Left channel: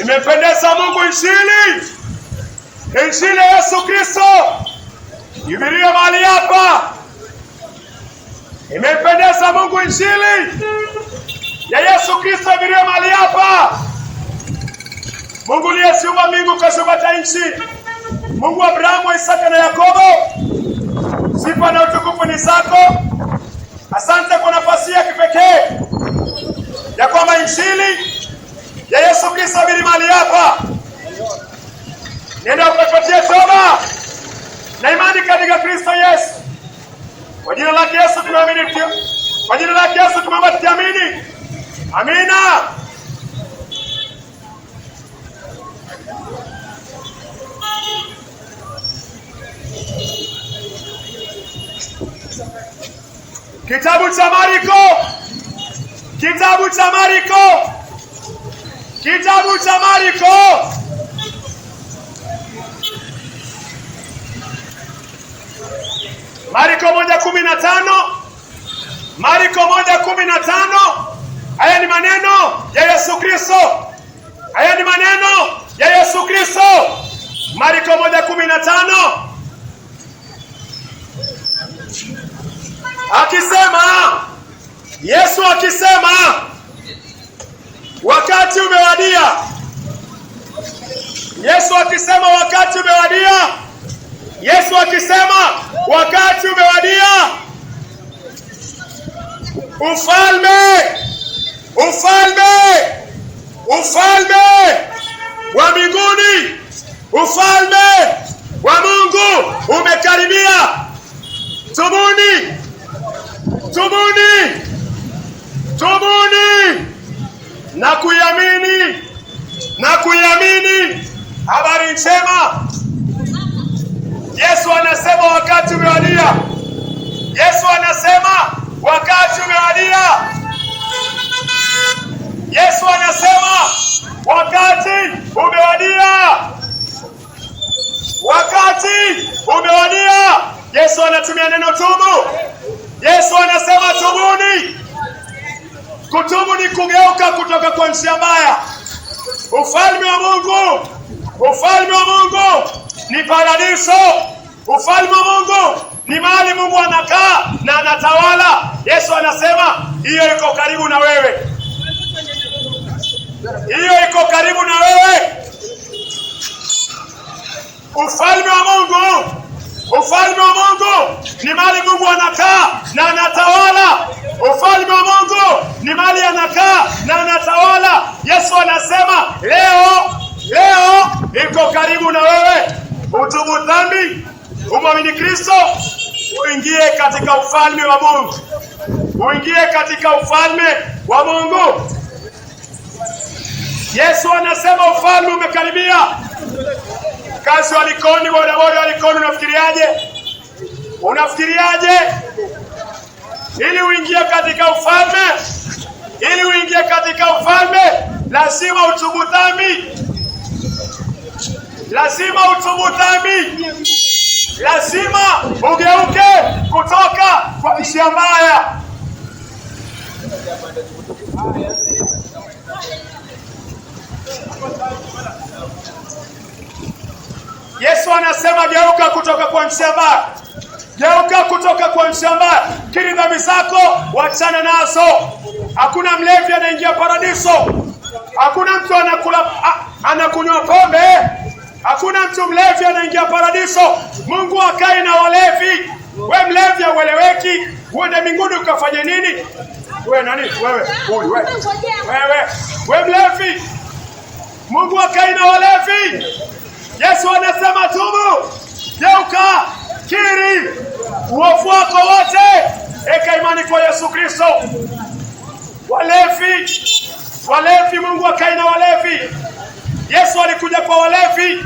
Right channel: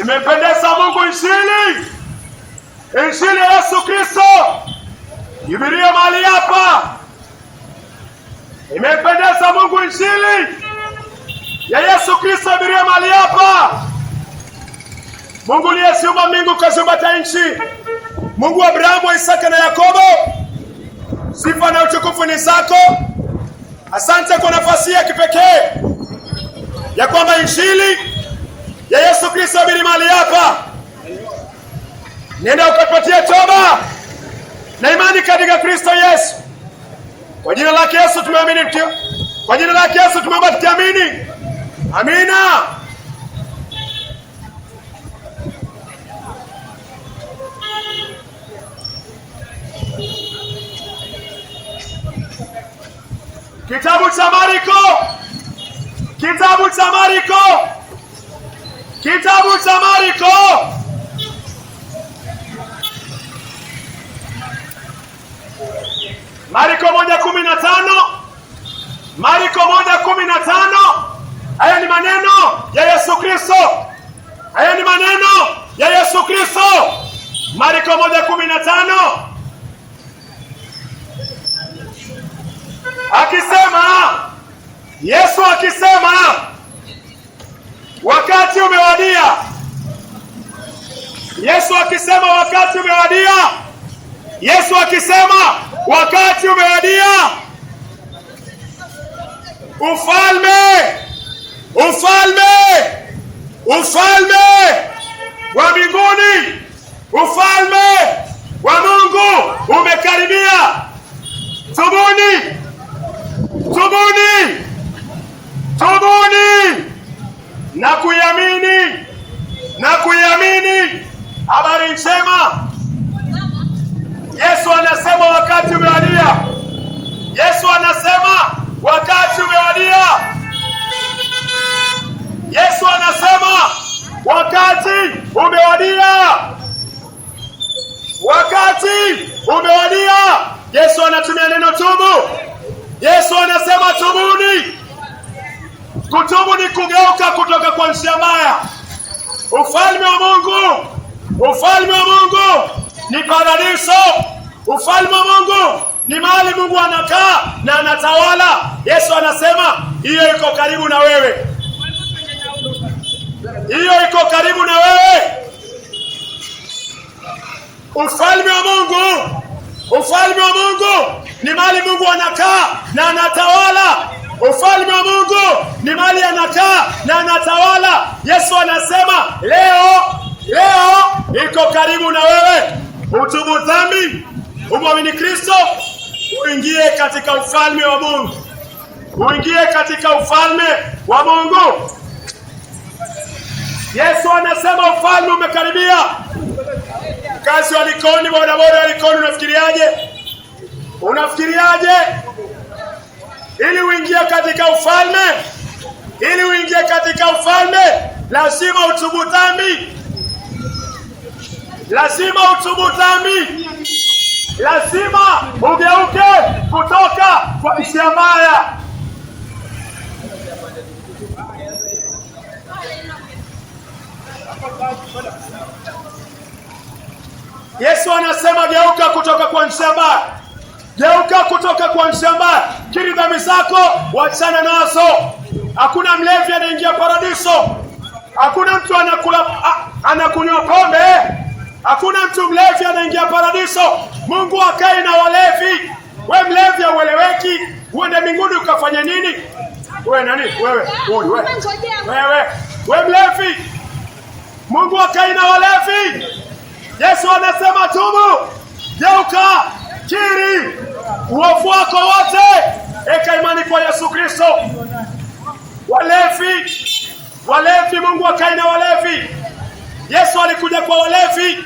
Imependeza Mungu injili ya Yesu Kristo ihubirie mahali hapa. Imependeza Mungu injili ya Yesu Kristo ihubirie mahali hapa. Mungu aliyeziumba mbingu kaziumba nchi, Mungu wa Abrahamu, Isaka na Yakobo, sifa na utukufu ni zako. Asante kwa nafasi ya kipekee ya kwamba injili ya Yesu Kristo ihubirie mahali hapa. Nenda ukapatie toba na imani katika Kristo Yesu. Kwa jina lake Yesu tumeamini, kwa jina lake Yesu tumeomba tukiamini. Amina. Kitabu cha Marko, kitabu cha Marko, kitabu cha Marko, Marko 1:15, Marko 1:15. Haya ni maneno ya Yesu Kristo, haya ni maneno ya Yesu Kristo. Marko 1:15 akisema, Yesu akisema, wakati umewadia. Yesu akisema wakati umewadia. Yesu akisema wakati umewadia. Ufalme wa mbinguni, ufalme wa Mungu umekaribia. Tubuni, tubuni, tubuni na kuiamini, na kuiamini habari njema. Yesu anasema wakati umewadia. Yesu anasema wakati umewadia. Yesu anasema wakati umewadia. Wakati umewadia. Yesu anatumia neno tubu. Yesu anasema tubuni. Kutubu ni kugeuka kutoka kwa njia mbaya. Ufalme wa Mungu, ufalme wa Mungu ni paradiso. Ufalme wa Mungu ni mahali Mungu anakaa na anatawala. Yesu anasema hiyo iko karibu na wewe. Hiyo iko karibu na wewe. Ufalme wa Mungu, ufalme wa Mungu ni mahali Mungu anakaa na anatawala. Ufalme wa Mungu ni mahali anakaa na anatawala. Yesu anasema leo iko karibu na wewe. Utubu dhambi, umwamini Kristo, uingie katika ufalme wa Mungu. Uingie katika ufalme wa Mungu. Yesu anasema ufalme umekaribia. Kazi wa Likoni, bodaboda wa Likoni, unafikiriaje? Unafikiriaje? Ili uingie katika ufalme, ili uingie katika ufalme, lazima utubu dhambi. Lazima utubu dhambi. Lazima ugeuke kutoka kwa njia mbaya. Yesu anasema geuka kutoka kwa njia mbaya. Geuka kutoka kwa njia mbaya. Kiri dhambi zako, wachana nazo. Hakuna mlevi anaingia paradiso. Hakuna mtu anakunywa pombe. Hakuna mtu mlevi anaingia paradiso. Mungu hakai na walevi. We mlevi haueleweki. Uende mbinguni ukafanya nini? We nani? Wewe. Huyu wewe. We mlevi. Mungu hakai na walevi. Yesu anasema tubu. Geuka. Kiri uovu wako wote. Eka imani kwa Yesu Kristo. Walevi, Mungu hakai na walevi. Yesu alikuja kwa walevi.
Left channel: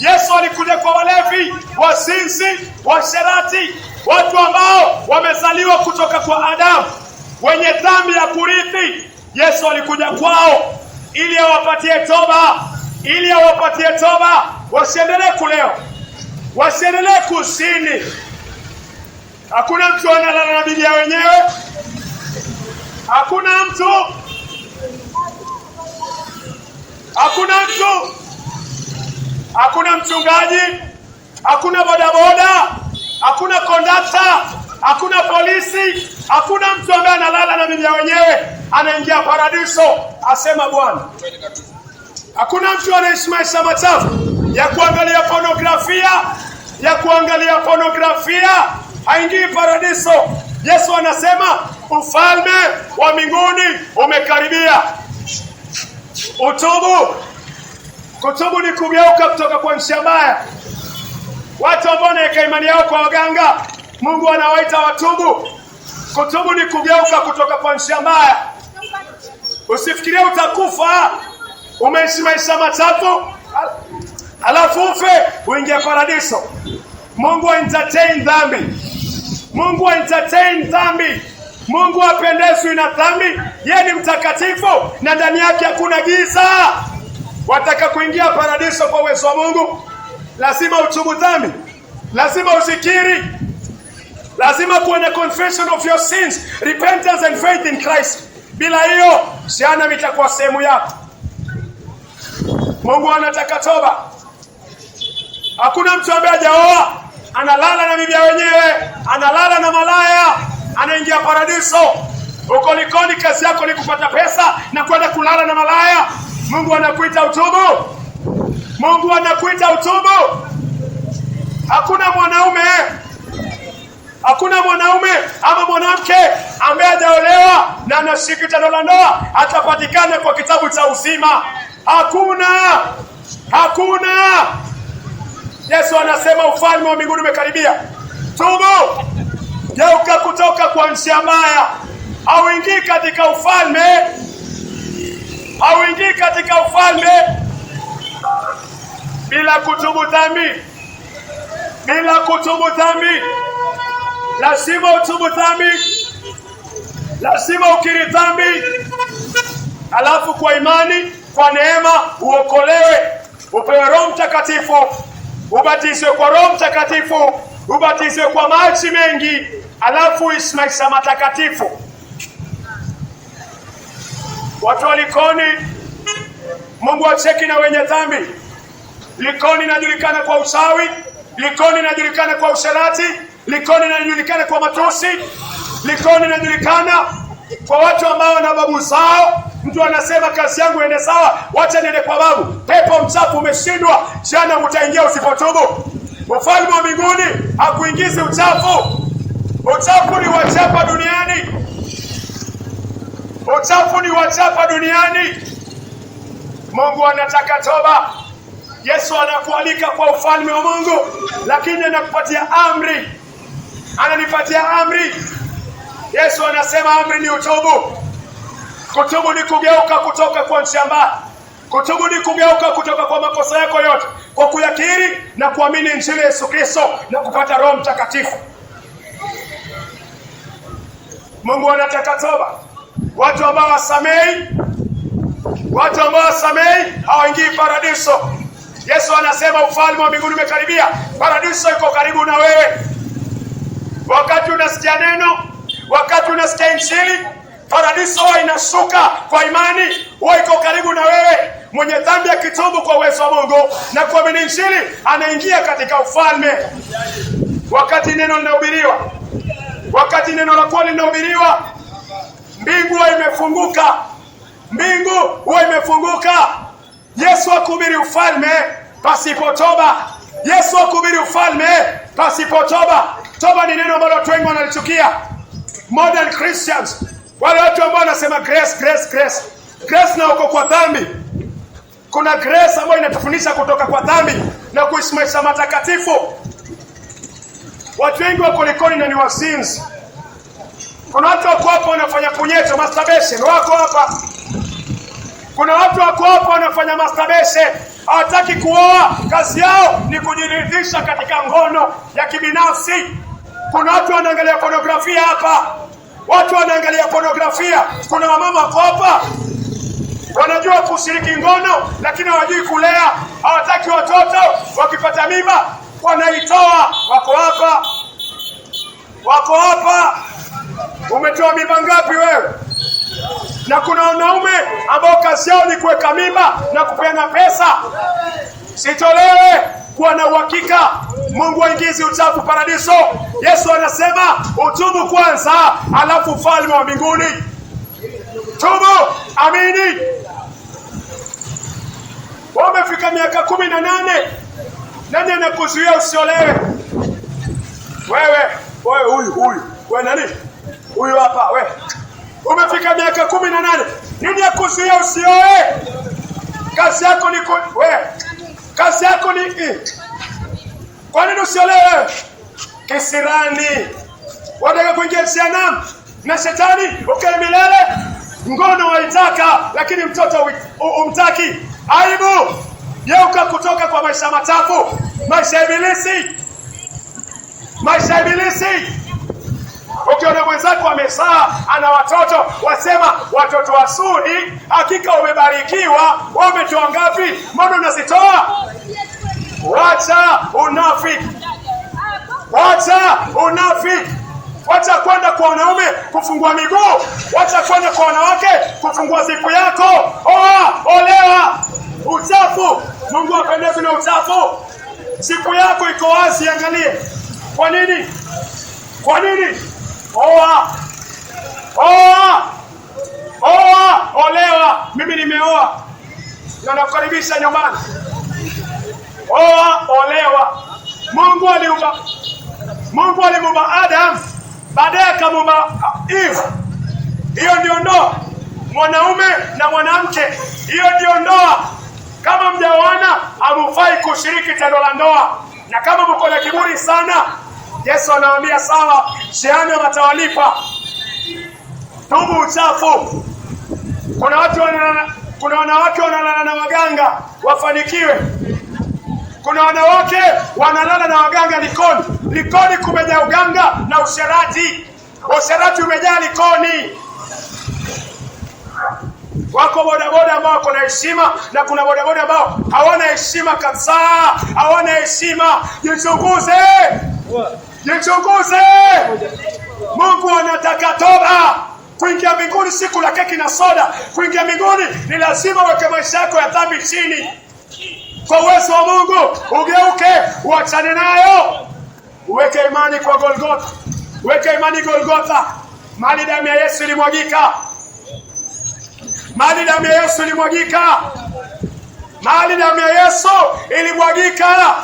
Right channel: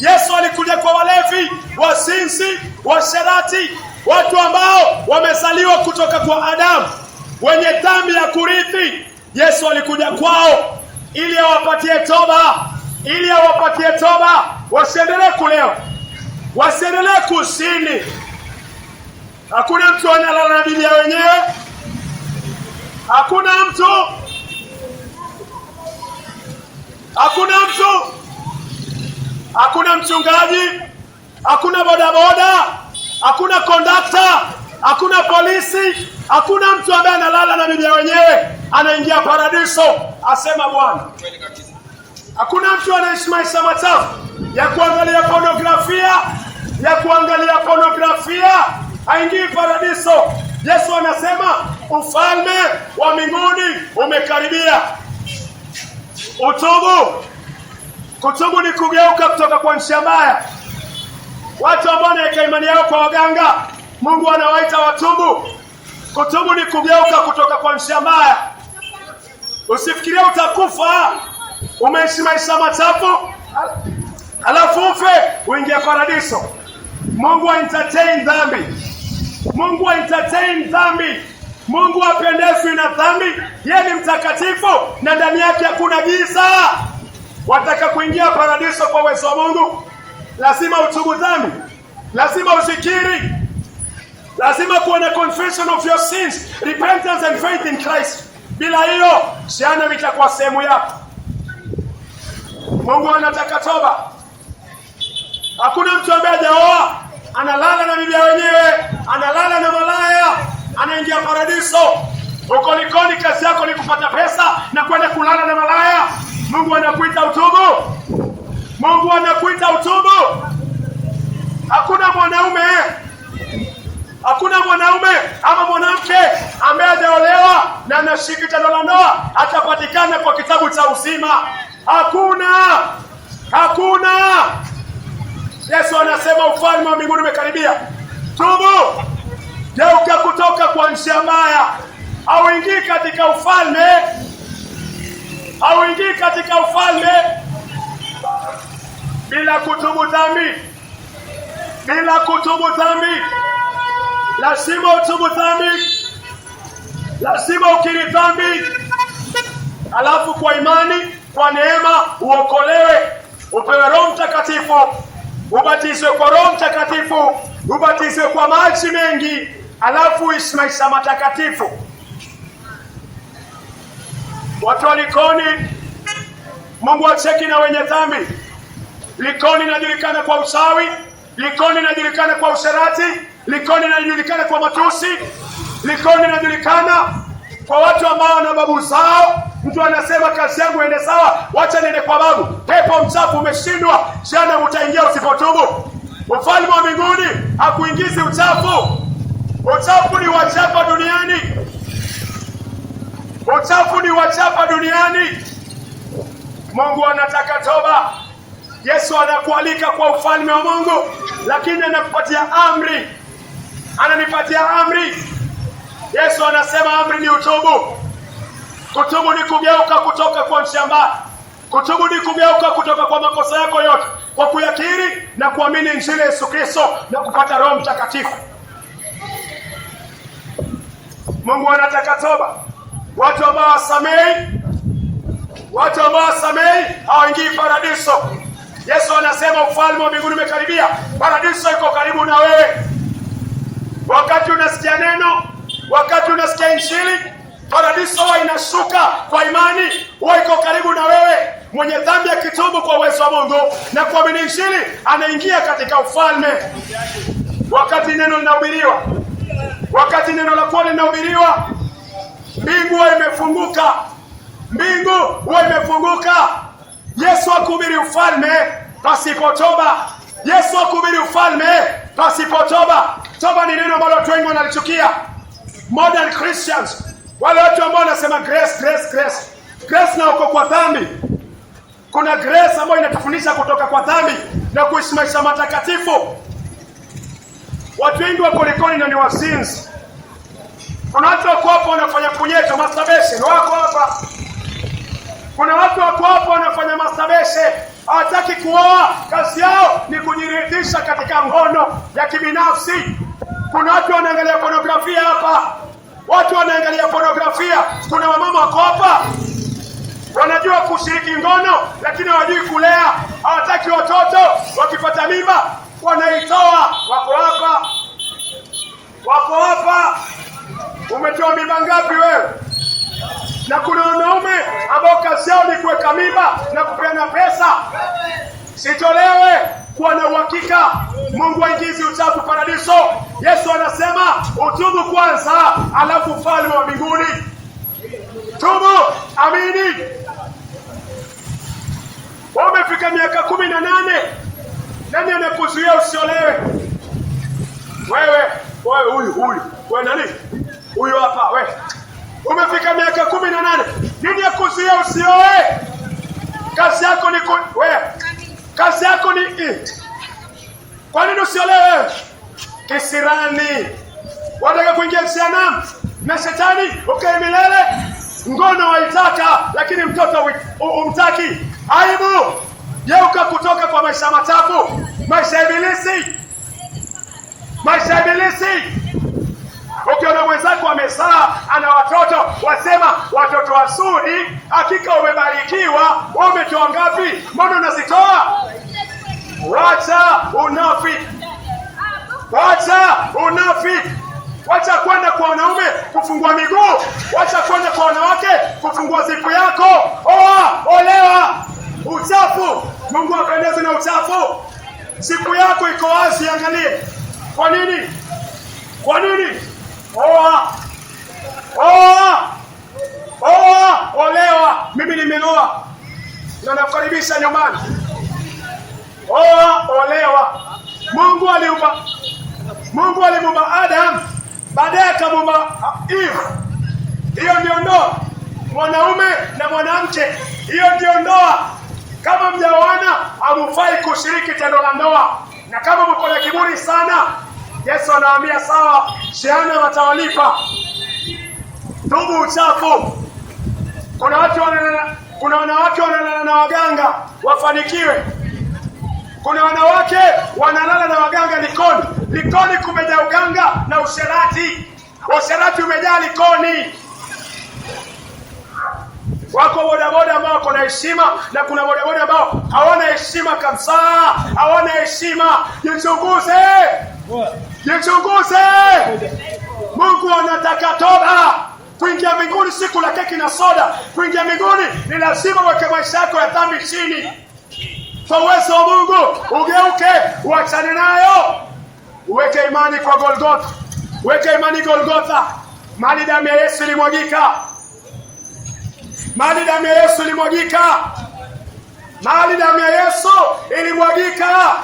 Yesu alikuja kwa walevi, wasinzi, washerati, watu ambao wamezaliwa kutoka kwa Adamu, wenye dhambi ya kurithi. Yesu alikuja kwao ili awapatie toba, ili awapatie toba, wasiendelee kulewa, wasiendelee kuzini. Hakuna mtu analala na bibi wenyewe. Hakuna mtu, hakuna mchungaji, hakuna bodaboda, hakuna kondakta, hakuna polisi, hakuna mtu ambaye analala na bibi wenyewe anaingia paradiso, asema Bwana. Hakuna mtu anaishi maisha machafu ya kuangalia pornografia, haingii paradiso. Yesu anasema ufalme wa mbinguni umekaribia. Kutubu ni kugeuka kutoka kwa njia mbaya. Watu ambao wanaweka imani yao kwa waganga, Mungu anawaita watubu. Kutubu ni kugeuka kutoka kwa njia mbaya. Usifikirie utakufa umeishi maisha machafu alafu ufe uingie paradiso. Mungu entertain dhambi. Mungu hapendezwi na dhambi. Yeye ni mtakatifu na ndani yake hakuna giza. Wataka kuingia paradiso kwa uwezo wa Mungu, lazima utubu dhambi, lazima uzikiri, lazima kuwe na confession of your sins, repentance and faith in Christ. Bila hiyo jehanamu itakuwa sehemu yako. Mungu anataka toba. Hakuna mtu ambaye hajaoa analala na bibi wenyewe, analala na malaya, anaingia paradiso. Uko Likoni, kazi yako ni kupata pesa na kwenda kulala na malaya. Mungu anakuita utubu. Hakuna mwanaume ama mwanamke ambaye hajaolewa na anashika tendo la ndoa atapatikana kwa kitabu cha uzima. Hakuna. Yesu anasema ufalme wa mbinguni umekaribia. Tubu, geuka kutoka kwa njia mbaya. Hauingii katika ufalme bila kutubu dhambi. Lazima utubu dhambi, lazima ukiri dhambi, alafu kwa imani, kwa neema uokolewe, upewe Roho Mtakatifu, ubatizwe kwa Roho Mtakatifu, ubatizwe kwa maji mengi, alafu uishi maisha matakatifu. Watu wa Likoni, Mungu acheki na wenye dhambi. Likoni inajulikana kwa uchawi, Likoni inajulikana kwa usherati, Likoni inajulikana kwa matusi, Likoni inajulikana kwa watu ambao wana babu zao. Mtu anasema kazi yangu ende sawa, wacha niende kwa babu. Pepo mchafu umeshindwa, jana utaingia usipotubu. Ufalme wa mbinguni hakuingizi uchafu. Uchafu ni wachapa duniani. Mungu anataka toba. Yesu anakualika kwa ufalme wa Mungu, lakini anakupatia amri. Ananipatia amri. Yesu anasema amri ni utubu. Kutubu ni kugeuka kutoka kwa njia mbaya. Kutubu ni kugeuka kutoka kwa makosa yako yote kwa kuyakiri na kuamini Injili ya Yesu Kristo na kupata Roho Mtakatifu. Mungu anataka toba. Watu ambao wasamei hawaingii paradiso. Yesu anasema ufalme wa mbinguni umekaribia. Paradiso iko karibu na wewe. Wakati unasikia neno, wakati unasikia Injili, paradiso huwa inashuka kwa imani, huwa iko karibu na wewe. Mwenye dhambi akitubu kwa uwezo wa Mungu na kuamini Injili, anaingia katika ufalme. Wakati neno linahubiriwa, wakati neno la kweli linahubiriwa, mbingu huwa imefunguka. Yesu akuhubiri ufalme pasipo toba. Toba ni neno ambalo watu wengi wanalichukia. Modern Christians, wale watu ambao wanasema grace na uko kwa dhambi. Kuna grace ambayo inatufundisha kutoka kwa dhambi na kuishi maisha matakatifu. Watu wengi wako Likoni na ni wazinzi. Kuna watu wako hapa wanafanya punyeto, masturbation, wako hapa. Kuna watu wako hapa wanafanya masturbation, hawataki kuoa, kazi yao ni kujiridhisha katika ngono ya kibinafsi. Kuna watu wanaangalia pornografia hapa. Kuna wamama wako hapa wanajua kushiriki ngono lakini hawajui kulea, hawataki watoto, wakipata mimba wanaitoa. Wako hapa. Umetoa mimba ngapi wewe? kazi yao ni kuweka mimba na kupeana pesa. Sitolewe kuwa na uhakika. Mungu aingizi uchafu paradiso. Yesu anasema utubu kwanza, alafu ufalme wa mbinguni. Tubu, amini. Umefika miaka 18, nani anakuzuia usiolewe? Wewe huyu nani? Huyu hapa wewe. Umefika miaka 18, nini akuzuia usioe? Kazi yako ni kazi yako ni kwa nini usiolewe? Kisirani. Wataka kuingia jehanamu na shetani ukae milele. Ngono waitaka, lakini mtoto umtaki. Aibu. Geuka kutoka kwa maisha machafu, maisha ya ibilisi. Ukiona mwenzako amezaa ana watoto, wasema watoto wazuri, hakika umebarikiwa. Umetoa ngapi? Mbona unazitoa? Wacha unafiki. Wacha kwenda kwa wanaume kufungua miguu. Wacha kwenda kwa wanawake kufungua zipu yako. Olewa. Uchafu. Mungu hapendezwi na uchafu. Zipu yako iko wazi, angalie. Kwa nini? Olewa. Mimi nimeoa na nakukaribisha nyumbani. Olewa. Mungu alimuumba Adam, baadaye akamuumba Eve. Hiyo ndio ndoa, mwanaume na mwanamke. Hiyo ndio ndoa. Kama mjaoana, hamufai kushiriki tendo la ndoa. Na kama mko na kiburi sana, Yesu anawaambia sawa, jehanamu atawalipa. Tubu uchafu. Kuna wanawake wanalala na waganga wafanikiwe. Kuna wanawake wanalala na waganga Likoni. Likoni kumejaa uganga na usherati. Usherati umejaa Likoni. Wako bodaboda ambao wako na heshima, na kuna bodaboda ambao hawana heshima kabisa. Hawana heshima. Jichunguze. Mungu anataka toba. Kuingia mbinguni si kula keki na soda. Kuingia mbinguni ni lazima uweke maisha yako ya dhambi chini. Kwa uwezo wa Mungu ugeuke, uachane nayo. Uweke imani kwa Golgotha. Weke imani Golgotha. Mahali damu ya Yesu ilimwagika. Mahali damu ya Yesu ilimwagika.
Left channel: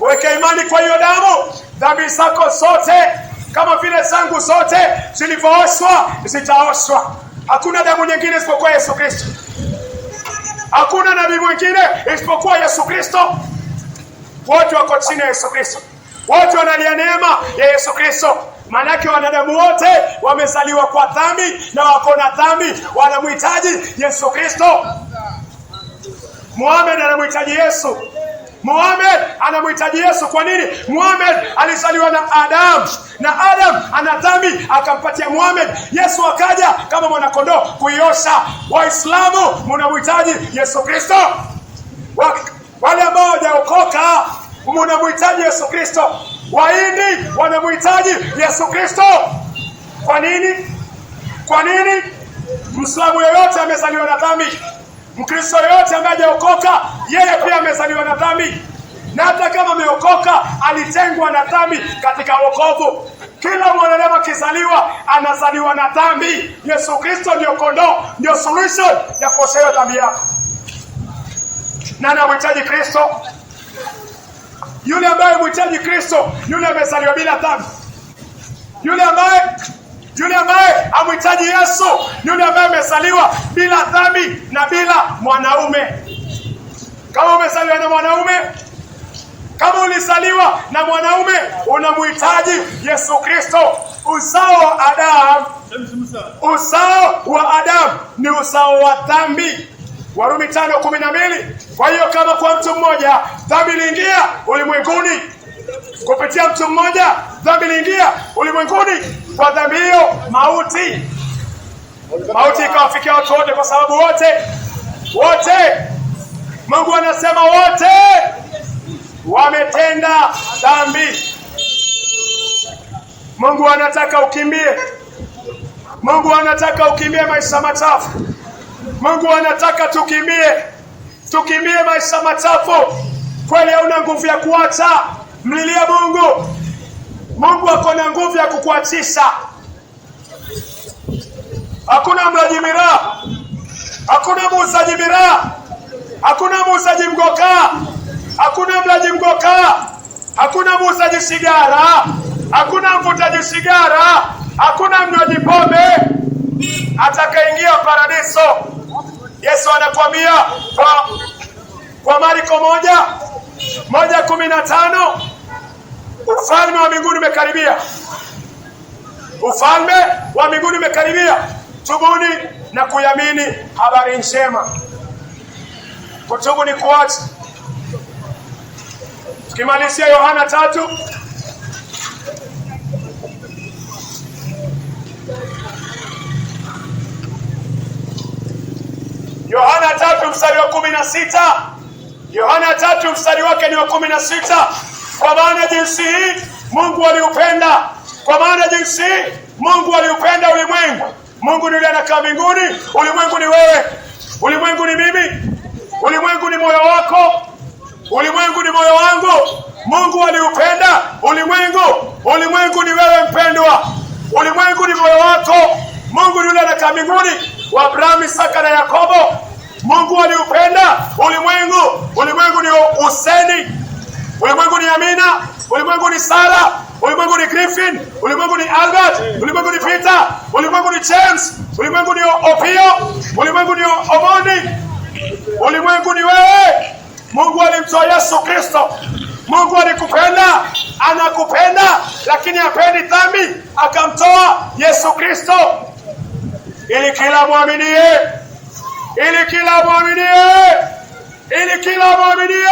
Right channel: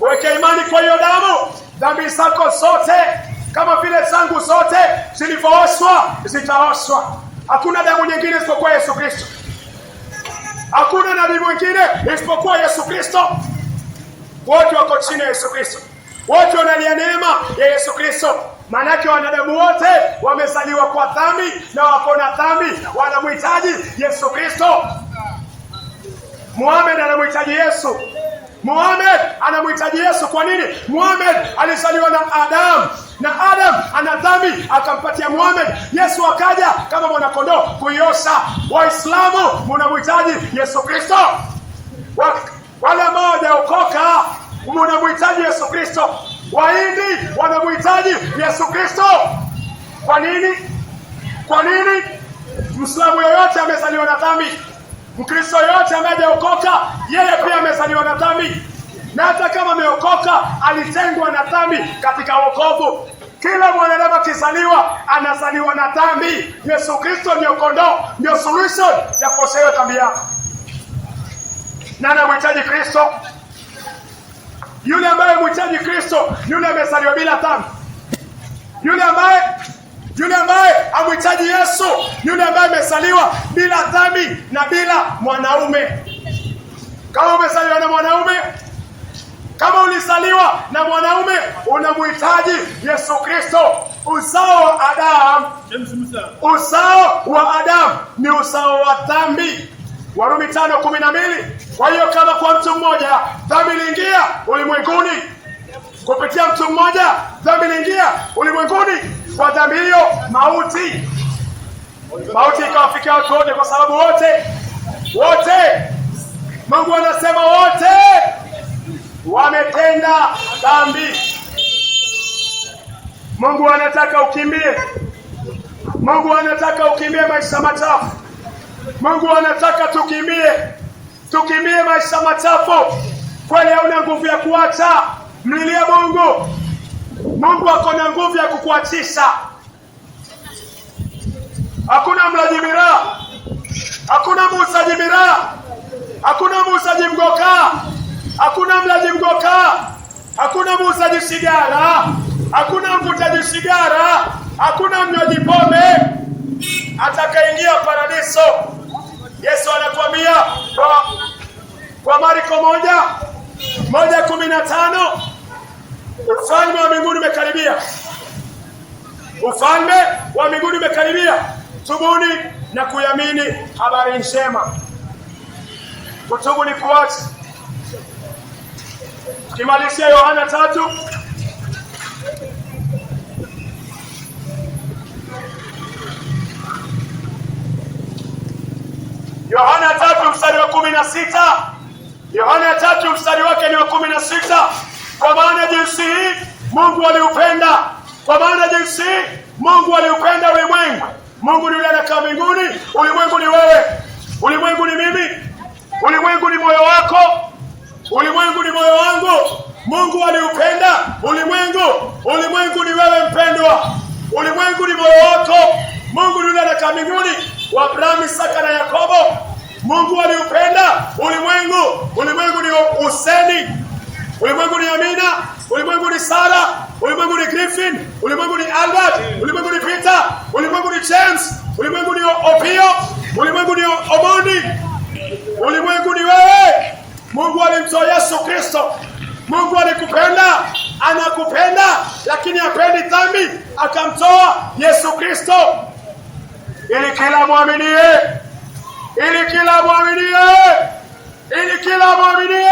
Weke imani kwa hiyo damu. Dhambi zako zote kama vile zangu zote zilivyooshwa zitaoshwa. Hakuna damu nyingine isipokuwa Yesu Kristo. Hakuna nabii mwingine isipokuwa Yesu Kristo. Wote wako chini ya Yesu Kristo. Wote wanalia neema ya Yesu Kristo. Manake wanadamu wote wamezaliwa kwa dhambi na wako na dhambi, wanamhitaji Yesu Kristo. Muhammad anamhitaji Yesu. Kwa nini? Muhammad alizaliwa na Adam, na Adam ana dhambi, akampatia Muhammad. Yesu akaja kama mwanakondoo kuiosha. Waislamu mnamhitaji Yesu Kristo. Wale ambao hawajaokoka mnamhitaji Yesu Kristo. Wahindi wanamhitaji Yesu Kristo. Kwa nini? Muislamu yoyote amezaliwa na dhambi. Mkristo yoyote ambaye hajaokoka, yeye pia amezaliwa na dhambi. Na hata kama ameokoka, alitengwa na dhambi katika wokovu. Kila mwanadamu akizaliwa, anazaliwa na dhambi. Yesu Kristo ndio kondoo, ndio solution ya kuosha dhambi yako. Na anamhitaji Kristo. Yule ambaye mhitaji Kristo, yule amezaliwa bila dhambi. Yule ambaye amhitaji Yesu, yule ambaye amezaliwa bila dhambi na bila mwanaume. Kama umezaliwa na mwanaume, kama ulizaliwa na mwanaume, unamhitaji Yesu Kristo. Uzao wa Adam ni uzao wa dhambi. Warumi 5:12. Kwa hiyo kama kwa mtu mmoja dhambi iliingia ulimwenguni, kupitia mtu mmoja dhambi iliingia ulimwenguni, kwa dhambi hiyo mauti ikawafikia watu wote, kwa sababu wote Mungu anasema wote wametenda dhambi. Mungu anataka ukimbie. Mungu anataka ukimbie maisha machafu. Mungu anataka tukimbie maisha machafu. Kweli hauna nguvu ya kuacha, mlilia Mungu. Mungu ako na nguvu ya kukuachisha. Hakuna mlaji miraa, hakuna muuzaji miraa, hakuna muuzaji mgoka, hakuna mlaji mgoka, hakuna muuzaji sigara, hakuna mvutaji sigara, hakuna mnywaji pombe atakaingia paradiso. Yesu anakuambia kwa Marko 1:15, ufalme wa mbinguni umekaribia. Ufalme wa mbinguni umekaribia. Tubuni na kuiamini habari njema. Kutubu ni kuacha. Tukimalizia Yohana 3, Yohana 3 mstari wa 16. Yohana 3 mstari wake ni wa 16. Kwa maana jinsi hii Mungu aliupenda, kwa maana jinsi hii Mungu aliupenda ulimwengu. Mungu ni yule anakaa mbinguni, ulimwengu ni wewe, ulimwengu ni mimi, ulimwengu ni moyo wako, ulimwengu ni moyo wangu. Mungu aliupenda ulimwengu, ulimwengu ni wewe mpendwa, ulimwengu ni moyo wako. Mungu ni yule anakaa mbinguni, wa Abrahamu, Isaka na Yakobo. Mungu aliupenda ulimwengu, ulimwengu ni Huseni, ulimwengu ni Amina, ulimwengu ni Sara, ulimwengu ni Griffin, ulimwengu ni Albert, ulimwengu ni Peter, ulimwengu ni James, ulimwengu ni Opio, ulimwengu ni Omondi, ulimwengu ni wewe. Mungu alimtoa Yesu Kristo. Mungu alikupenda, anakupenda, lakini hapendi dhambi, akamtoa Yesu Kristo ili kila muaminie, ili kila muaminie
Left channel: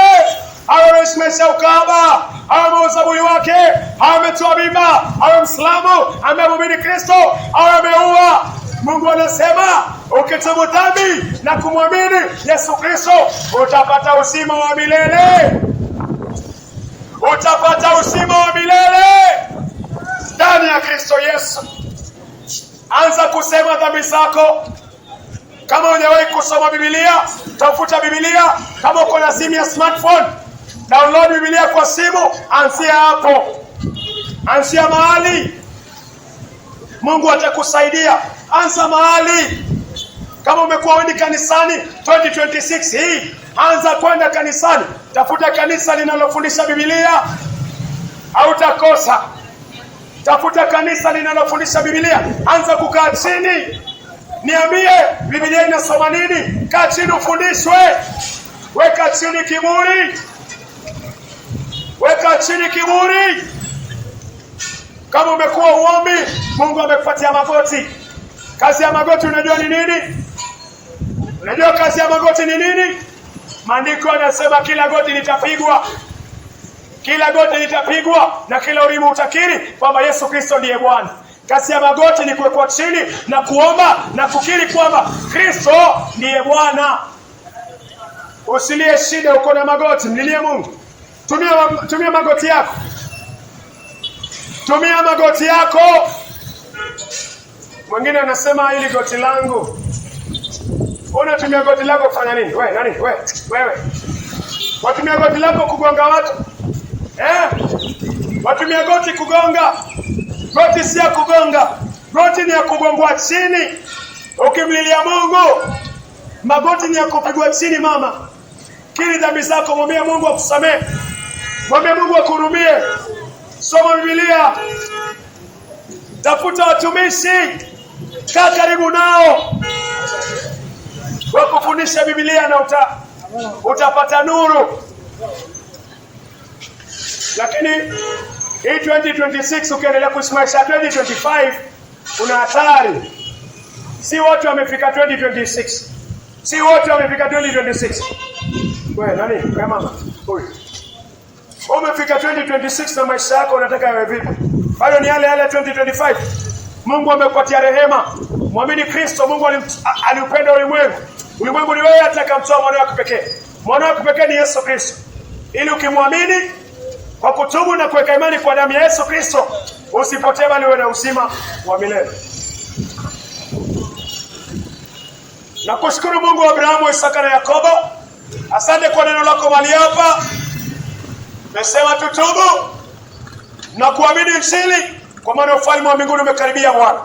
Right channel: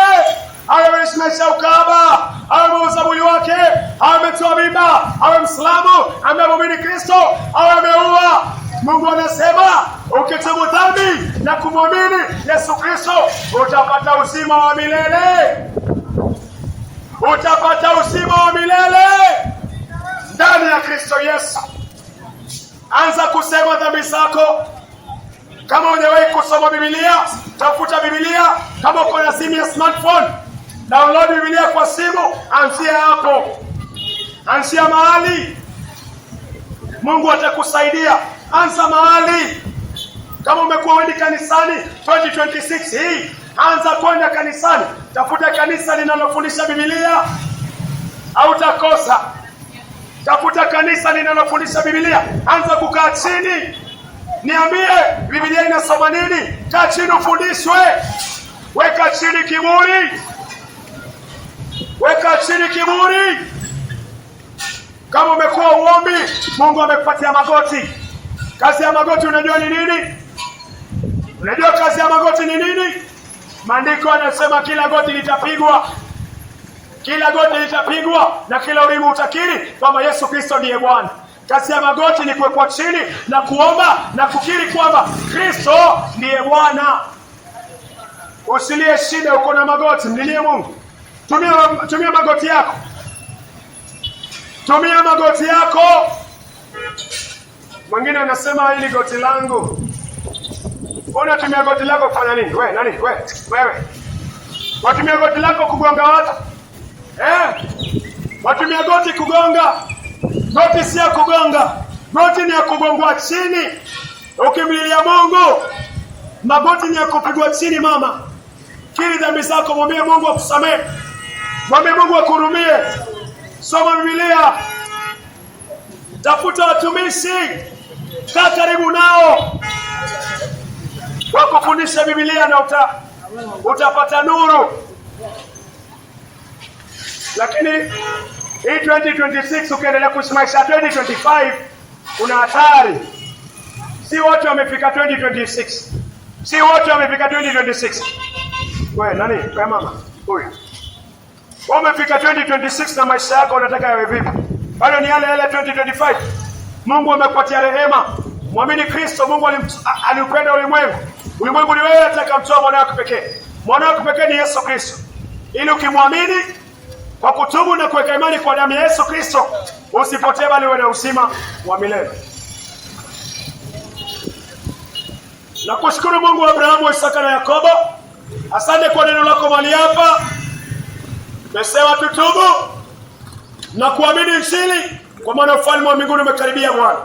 awe ameshimesha ukahaba, awe muuza mwili wake, awe ametoa mimba, awe Mwislamu, ameamini Kristo, awe ameua. Mungu anasema ukitubu dhambi na kumwamini Yesu Kristo utapata uzima wa milele. Utapata uzima wa milele ndani ya Kristo Yesu. Anza kusema dhambi zako. Kama hujawahi kusoma Biblia, tafuta Biblia. Kama uko na simu ya smartphone, download Biblia kwa simu, anzia hapo. Anzia mahali. Mungu atakusaidia. Anza mahali. Kama umekuwa wendi kanisani 2026 hii, anza kwenda kanisani. Tafuta kanisa linalofundisha Biblia, hautakosa. Tafuta kanisa linalofundisha Biblia. Anza kukaa chini. Niambie Biblia inasoma nini? Kaa chini ufundishwe. Weka chini kiburi. Weka chini kiburi. Kama umekuwa uombi, Mungu amekupatia magoti. Kazi ya magoti unajua ni nini? Unajua kazi ya magoti ni nini? Maandiko yanasema kila goti litapigwa. Kila goti litapigwa na kila ulimi utakiri kwamba Yesu Kristo ndiye Bwana. Kazi ya magoti ni kuwekwa chini na kuomba na kukiri kwamba Kristo ndiye Bwana. Usilie shida uko na magoti, mlilie Mungu. Tumia magoti yako. Tumia magoti yako. Mwingine anasema hili goti langu. Unatumia goti lako kufanya nini? Wewe. Watumia goti lako kugonga watu. Watumia goti kugonga. Goti si ya kugonga. Goti ni ya kugongwa chini. Ukimlilia Mungu, magoti ni ya kupigwa chini mama. Kiri dhambi zako, mwambie Mungu akusamehe. Mwambie Mungu akuhurumie. Soma Biblia. Tafuta watumishi. Kaa karibu nao. Wakufundisha Biblia na utapata nuru. Lakini hii 2026 ukiendelea kusimamisha 2025 kuna hatari. Si wote wamefika 2026. Si wote wamefika 2026. Wewe nani? Wewe mama. Huyu. Umefika 2026 na maisha yako unataka yawe vipi? Bado ni yale 2025. Mungu amekupatia rehema. Muamini Kristo. Mungu aliupenda ulimwengu. Ulimwengu ni wewe, atakamtoa mwana wake pekee. Mwana wake pekee ni Yesu Kristo. Ili ukimwamini kwa kutubu na kuweka imani kwa damu ya Yesu Kristo, usipotee bali uwe na uzima wa milele. Nakushukuru Mungu wa Abrahamu, Isaka na Yakobo. Asante kwa neno lako mahali hapa. Tumesema tutubu na kuamini Injili, kwa maana ufalme wa mbinguni umekaribia Bwana.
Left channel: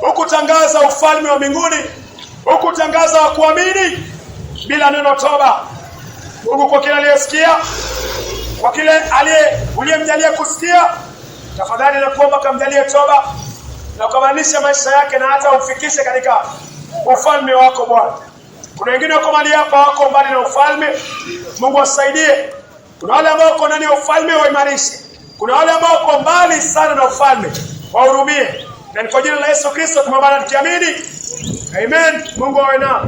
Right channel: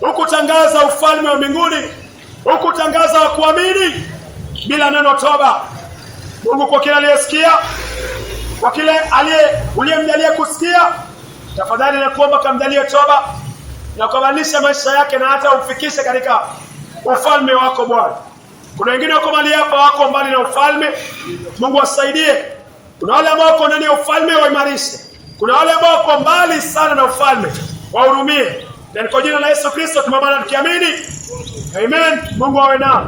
Hukutangaza ufalme wa mbinguni, hukutangaza wa kuamini bila neno toba. Mungu, kwa kile aliyesikia, kwa kile uliyemjalia kusikia, tafadhali nakuomba kamjalie toba na kubadilisha maisha yake na hata umfikishe katika ufalme wako Bwana. Kuna wengine wako mahali hapa wako mbali na ufalme. Mungu wasaidie. Kuna wale ambao wako ndani ya ufalme, waimarishe. Kuna wale ambao wako mbali sana na ufalme, wahurumie. Na kwa jina la Yesu Kristo tumeomba na tukiamini. Amen. Mungu awe nao.